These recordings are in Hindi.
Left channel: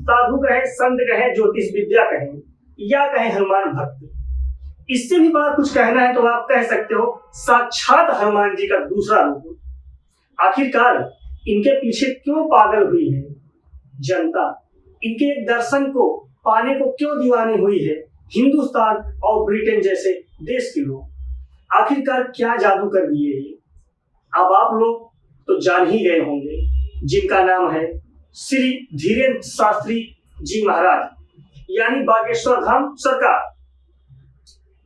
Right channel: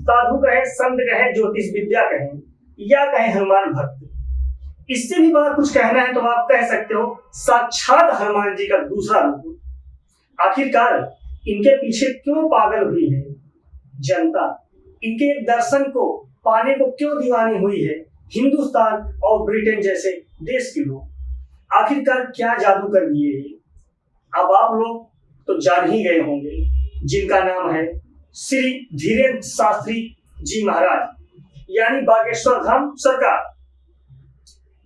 साधु कहें, संत कहें, ज्योतिष विद्या कहें या कहें हनुमान भक्त, इससे भी बड़ा कुछ कहना है तो आप कह सकते हो साक्षात हनुमान जी का दूसरा रूप। आखिरकार इनके पीछे क्यों पागल हुई है जनता, इनके एक दर्शन को पाने को क्यों दीवानी हुई है हिंदुस्तान और ब्रिटेन जैसे देश के लोग, आखिरकार क्या जादू कर दिए ये। अब आप लोग तो जान ही गए होंगे जिनका नाम है श्री धीरेन्द्र शास्त्री जी महाराज यानी बागेश्वर धाम सरकार।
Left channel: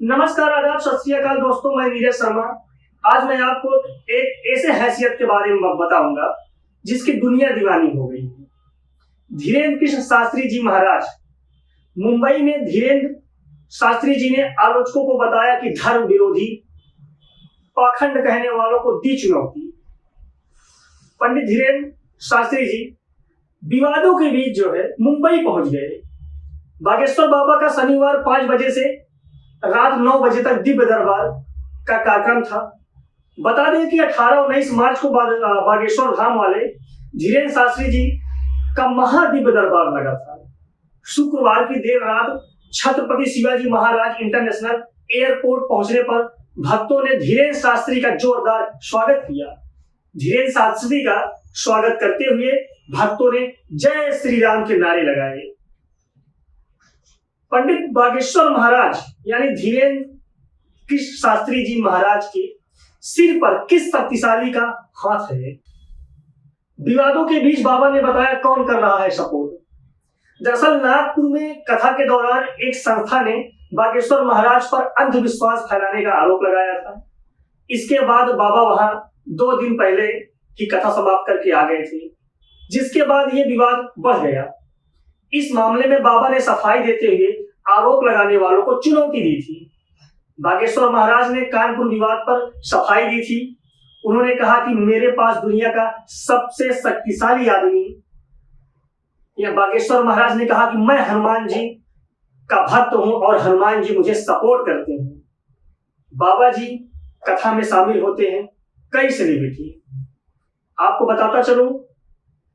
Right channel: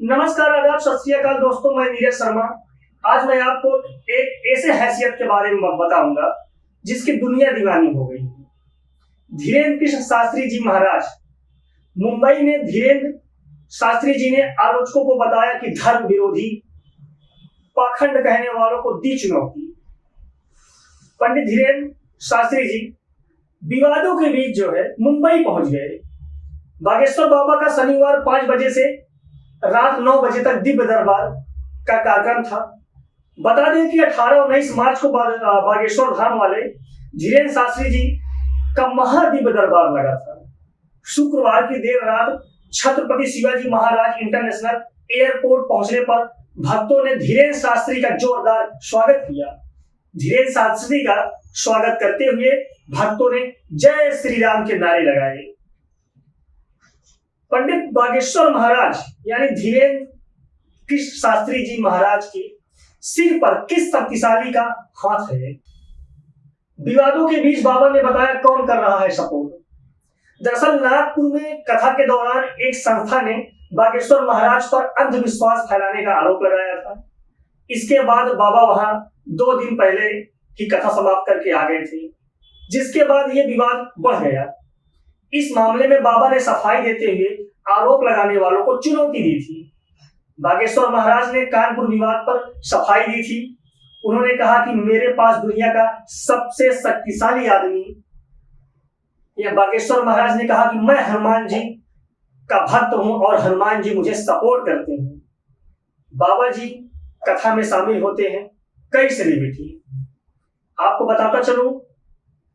नमस्कार, आदाब, सत श्री अकाल दोस्तों, मैं नीरज शर्मा। आज मैं आपको एक ऐसे हैसियत के बारे में बताऊंगा जिसकी दुनिया दीवानी हो गई। धीरेन्द्र कृष्ण शास्त्री जी महाराज, मुंबई में धीरेन्द्र शास्त्री जी ने आलोचकों को बताया कि धर्म विरोधी पाखंड कहने वालों को दी चुनौती। पंडित धीरेन्द्र शास्त्री जी विवादों के बीच जो है मुंबई पहुंच गए। बागेश्वर बाबा का शनिवार 5 बजे से रात 9 बजे तक दिव्य दरबार का कार्यक्रम था। बता दें कि 18-19 मार्च को बागेश्वर धाम वाले धीरेन्द्र शास्त्री जी का महादिव्य दरबार लगा था। शुक्रवार की देर रात छत्रपति शिवाजी महाराज इंटरनेशनल एयरपोर्ट पहुंचने पर भक्तों ने धीरेन्द्र शास्त्री का जोरदार स्वागत किया। धीरेन्द्र शास्त्री का स्वागत करते हुए भक्तों ने जय श्री राम के नारे लगाए। पंडित बागेश्वर महाराज यानी धीरेन्द्र कृष्ण शास्त्री जी महाराज के सिर पर किस शक्तिशाली का हाथ है? विवादों के बीच बाबा ने बताया कौन कर रहा है सपोर्ट। दरअसल नागपुर में कथा के दौरान एक संस्था ने बागेश्वर महाराज पर अंधविश्वास फैलाने का आरोप लगाया था। इसके बाद बाबा वहां 2 दिन पहले ही कथा समाप्त करके आ गए थे, जिसके बाद यह विवाद बढ़ गया। इस मामले में बाबा ने सफाई देते हुए आरोप लगाने वालों को चुनौती दी थी। बागेश्वर महाराज ने कानपुर विवाद पर सफाई दी थी। उन्होंने कहा कि मेरे पास दुनिया का सबसे शक्तिशाली आदमी, या बागेश्वर महाराज ने कहा कि मैं हनुमान जी का भक्त हूं और हनुमान जी मुझे सपोर्ट करते हैं। बाबा जी कथा में शामिल होते हैं कई सेलिब्रिटी। आपको बताता चलूं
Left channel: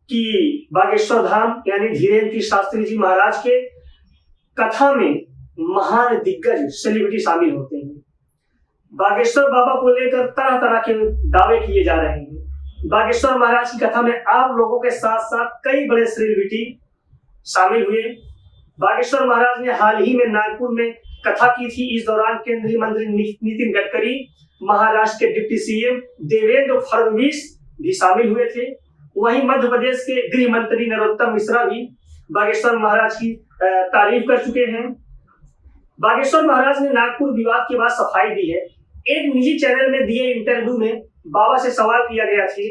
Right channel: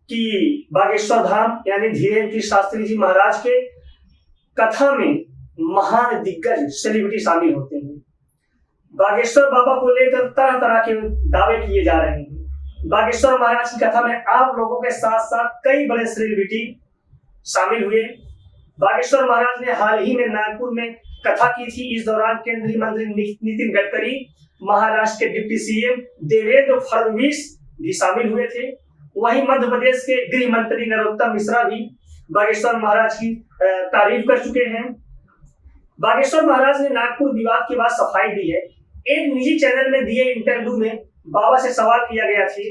कि बागेश्वर धाम यानी धीरेन्द्र शास्त्री जी महाराज के कथा में महान दिग्गज सेलिब्रिटी शामिल होते हैं। बागेश्वर बाबा को लेकर तरह तरह के दावे किए जा रहे हैं। बागेश्वर महाराज की कथा में आप लोगों के साथ साथ कई बड़े सेलिब्रिटी शामिल हुए। बागेश्वर महाराज ने हाल ही में नागपुर में कथा की थी। इस दौरान केंद्रीय मंत्री नितिन गडकरी, महाराष्ट्र के डिप्टी सीएम देवेंद्र फडणवीस भी शामिल हुए थे। वहीं मध्य प्रदेश के गृह मंत्री नरोत्तम मिश्रा भी बागेश्वर महाराज की तारीफ कर चुके हैं। बागेश्वर महाराज ने नागपुर विवाद के बाद सफाई दी है। एक निजी चैनल में दिए इंटरव्यू में बाबा से सवाल किया गया था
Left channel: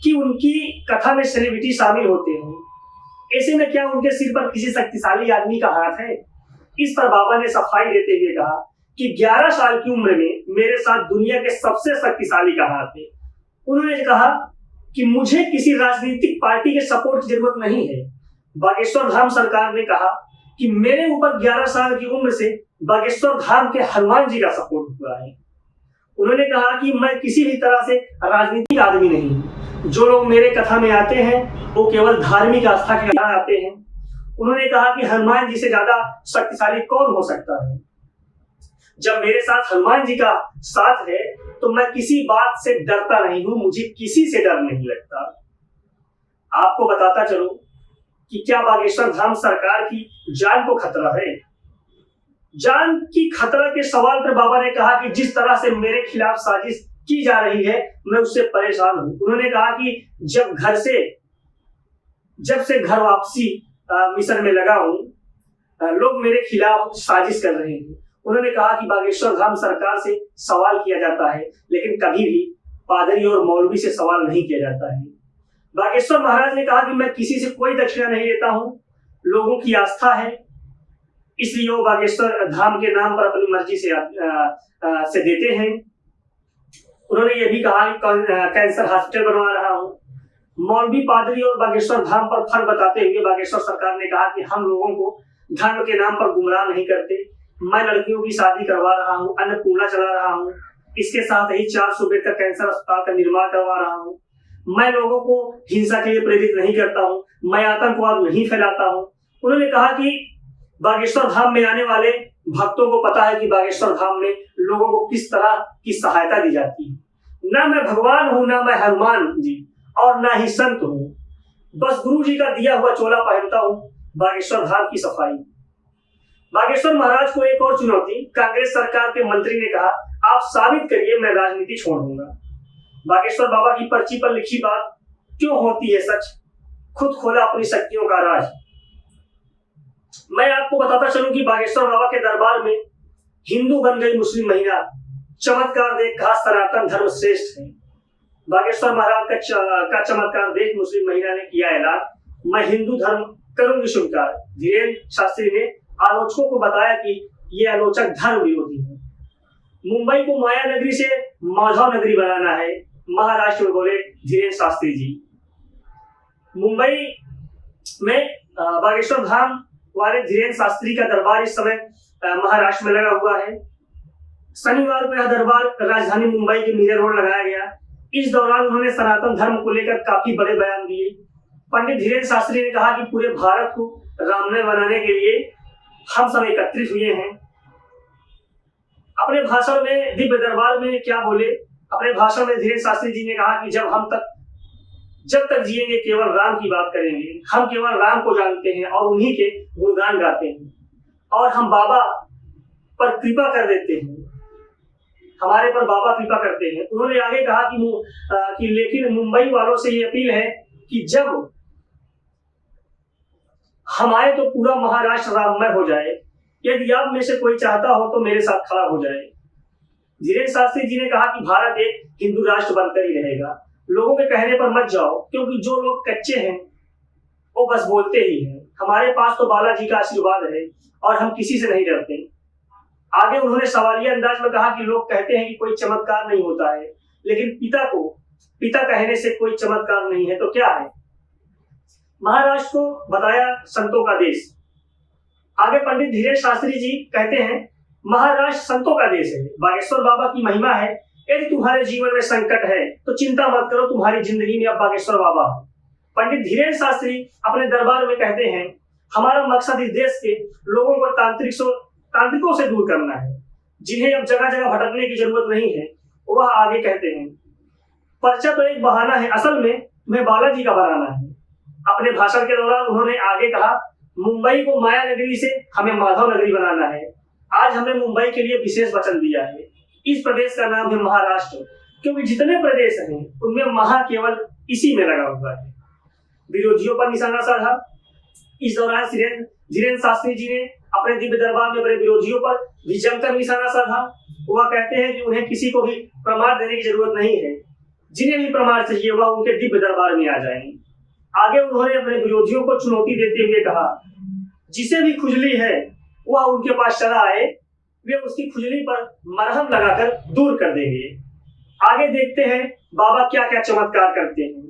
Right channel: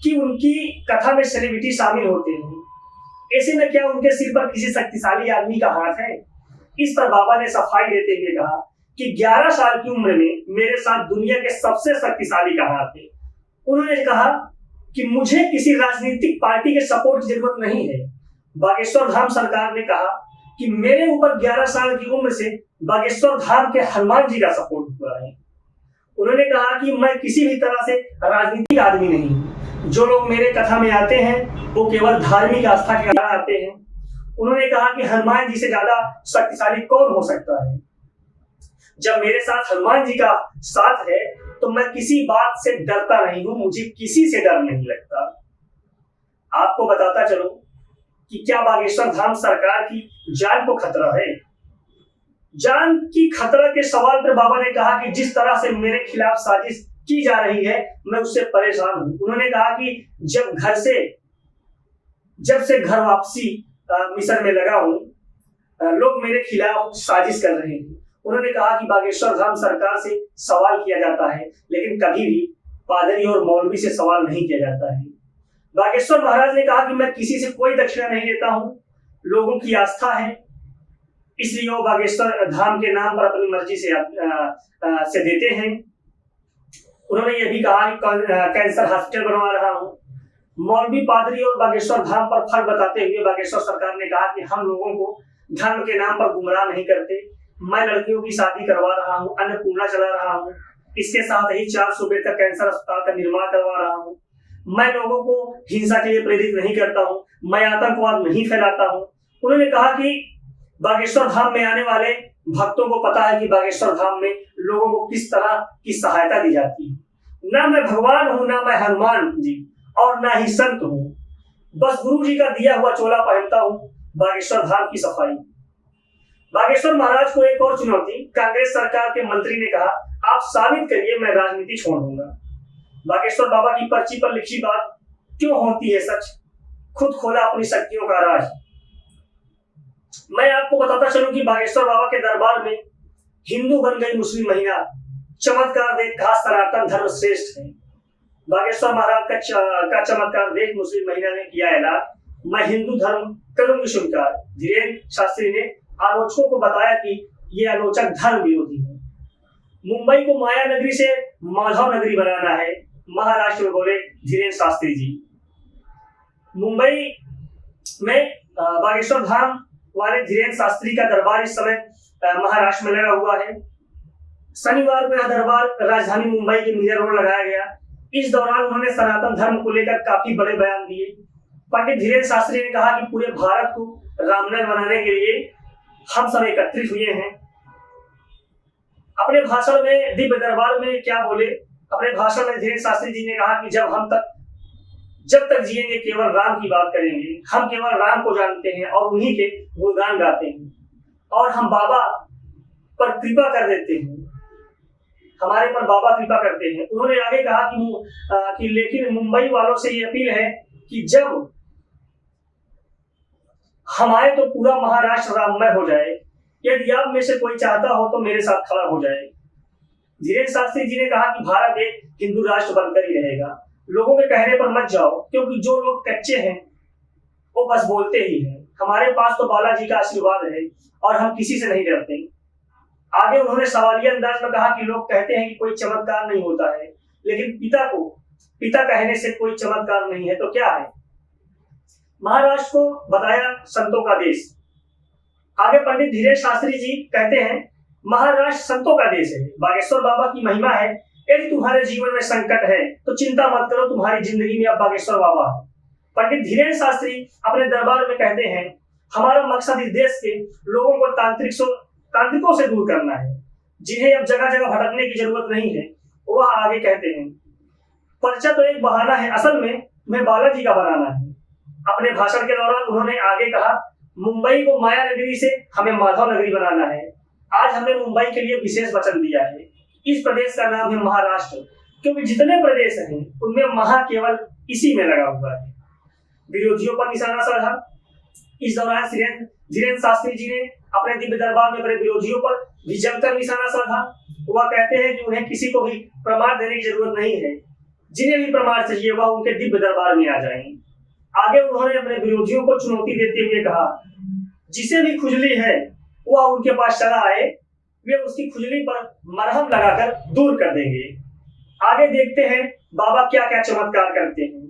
कि उनकी कथा में सेलिब्रिटी शामिल होते हैं, ऐसे में क्या उनके सिर पर किसी शक्तिशाली आदमी का हाथ है? इस पर बाबा ने सफाई देते हुए कहा कि 11 साल की उम्र में मेरे साथ दुनिया के सबसे शक्तिशाली का हाथ है। उन्होंने कहा कि मुझे किसी राजनीतिक पार्टी के सपोर्ट की जरूरत नहीं है। बागेश्वर धाम सरकार ने कहा कि मेरे ऊपर 11 साल की उम्र से बागेश्वर धाम के हनुमान जी का सपोर्ट हुआ है। उन्होंने कहा कि मैं किसी भी तरह से राजनीतिक आदमी नहीं। जो लोग मेरे कथा में आते हैं वो केवल धार्मिक आस्था के कारण आते हैं। उन्होंने कहा कि हनुमान जी से ज्यादा शक्तिशाली कौन हो सकता है। जब मेरे साथ हनुमान जी का साथ है तो मैं किसी बात से डरता नहीं हूं, मुझे किसी से डर नहीं लगता। आपको बताता चलो कि क्या बागेश्वर धाम सरकार की जान को खतरा है? जान की खतरा के सवाल पर बाबा ने कहा कि जिस तरह से मेरे खिलाफ साजिश की जा रही है मैं उससे परेशान हूं। उन्होंने कहा कि जब से घर वापसी मिशन में लगा हूं, लोग मेरे खिलाफ साजिश कर रहे हैं। उन्होंने कहा कि बागेश्वर धाम सरकार से सवाल किया जाता है लेकिन कभी भी पादरी और मौलवी से सवाल नहीं किया जाता है। बागेश्वर महाराज ने कहा कि मैं किसी से कोई दक्षिणा नहीं लेता हूं, लोगों की आस्था है इसलिए वो बागेश्वर धाम के नाम पर अपनी मर्जी से देते हैं। उन्होंने ये भी कहा कि कैंसर हॉस्पिटल बनवा रहा हूं। मौलवी, पादरी और बागेश्वर धाम पर फर्क बताते हुए बागेश्वर सरकार ने कहा कि हम लोगों को धर्म के नाम पर गुमराह नहीं करते। मैं लड़कियों की शादी करवा रहा हूँ, अन्नपूर्णा चला रहा हूँ, इसके साथ ही 400 बेड का कैंसर अस्पताल का निर्माण करवा रहा हूँ। मैं लोगों को हिंसा के लिए प्रेरित नहीं करता हूँ, मैं आतंकवाद नहीं फैलाता हूँ। उन्होंने कहा कि बागेश्वर धाम में आने वाले भक्तों को पता है कि बागेश्वर धाम में लोगों को किस तरह की सहायता दी जाती है। ना मैं भगवान हूं, ना मैं हनुमान जी और ना ही संत हूं, बस गुरु जी का दिया हुआ चोला पहनता हूं। बागेश्वर धाम की सफाई। बागेश्वर महाराज को एक और चुनौती। कांग्रेस सरकार के मंत्री ने कहा, आप साबित करिए, मैं राजनीति छोड़ दूंगा। बागेश्वर बाबा की पर्ची पर लिखी बात क्यों होती है सच, खुद खोला अपनी शक्तियों का राज। मैं आपको बताता चलूं कि बागेश्वर बाबा के दरबार में हिंदू बन गई मुस्लिम महिला, चमत्कार देख कहा सनातन धर्म श्रेष्ठ है। बागेश्वर महाराज का चमत्कार देख मुस्लिम महिला ने किया ऐलान, मैं हिंदू धर्म करूंगी स्वीकार। धीरेन्द्र शास्त्री ने आलोचकों को बताया कि ये आलोचक धर्म विरोधी है। मुंबई को माया नगरी से माधव नगरी बनाना है, महाराष्ट्र में बोले धीरेन्द्र शास्त्री जी। मुंबई में बागेश्वर धाम वाले धीरेन्द्र शास्त्री का दरबार इस समय महाराष्ट्र में लगा हुआ है। शनिवार को यह दरबार राजधानी मुंबई के मीरा रोड लगाया गया। इस दौरान उन्होंने सनातन धर्म को लेकर काफी बड़े बयान दिए। पंडित धीरेन्द्र शास्त्री ने कहा कि पूरे भारत को राममय बनाने के लिए हम सब एकत्रित हुए हैं। अपने भाषण में दिव्य दरबार में क्या बोले? अपने भाषण में धीरेन्द्र शास्त्री जी ने कहा कि जब तक जिएंगे केवल राम की बात करेंगे। हम केवल राम को जानते हैं और उन्हीं के गुणगान गाते हैं और हम बाबा पर कृपा कर देते हैं, हमारे पर बाबा कृपा करते हैं। उन्होंने आगे कहा कि लेकिन मुंबई वालों से ये अपील है कि जब हम आए तो पूरा महाराष्ट्र राममय हो जाए। यदि आप में से कोई चाहता हो तो मेरे साथ खड़ा हो जाए। धीरेन्द्र शास्त्री जी ने कहा कि भारत एक हिंदू राष्ट्र बनकर ही रहेगा। लोगों के कहने पर मत जाओ, क्योंकि जो लोग कच्चे हैं वो बस बोलते ही हैं। हमारे पास तो बालाजी का आशीर्वाद है और हम किसी से नहीं डरते। आगे उन्होंने सवालिया अंदाज में कहा कि लोग कहते हैं कि कोई चमत्कार नहीं होता है, लेकिन पिता कहने से कोई चमत्कार नहीं है तो क्या है? महाराष्ट्र को बताया संतों का देश। आगे पंडित धीरेन्द्र शास्त्री जी कहते हैं, महाराष्ट्र संतों का देश है, बागेश्वर बाबा की महिमा है। यदि तुम्हारे जीवन में संकट है तो चिंता मत करो, तुम्हारी जिंदगी में अब बागेश्वर बाबा है। पंडित धीरेन्द्र शास्त्री अपने दरबार में कहते हैं, हमारा मकसद इस देश के लोगों को तांत्रिकों से दूर करना है, जिन्हें अब जगह जगह भटकने की जरूरत नहीं है। वह आगे कहते हैं, पर्चा तो एक बहाना है, असल में मैं बालाजी का बनाना है। अपने भाषण के दौरान उन्होंने आगे कहा, मुंबई को माया नगरी से हमें माधव नगरी बनाना है। आज हमने मुंबई के लिए विशेष वचन दिया है। इस प्रदेश का नाम है महाराष्ट्र, क्योंकि जितने प्रदेश हैं उनमें महा केवल इसी में लगा हुआ है। विरोधियों पर निशाना साधा। इस दौरान धीरेन्द्र शास्त्री जी ने अपने दिव्य दरबार में बड़े विरोधियों पर भी जमकर निशाना साधा। वह कहते हैं कि उन्हें किसी को भी प्रमाण देने की जरूरत नहीं है, जिन्हें भी प्रमाण चाहिए वह उनके दिव्य दरबार में आ जाएं। आगे उन्होंने अपने विरोधियों को चुनौती देते हुए कहा, जिसे भी खुजली है वह उनके पास चला आए, वे उसकी खुजली पर मरहम लगाकर दूर कर देंगे। आगे देखते हैं बाबा क्या क्या चमत्कार करते हैं।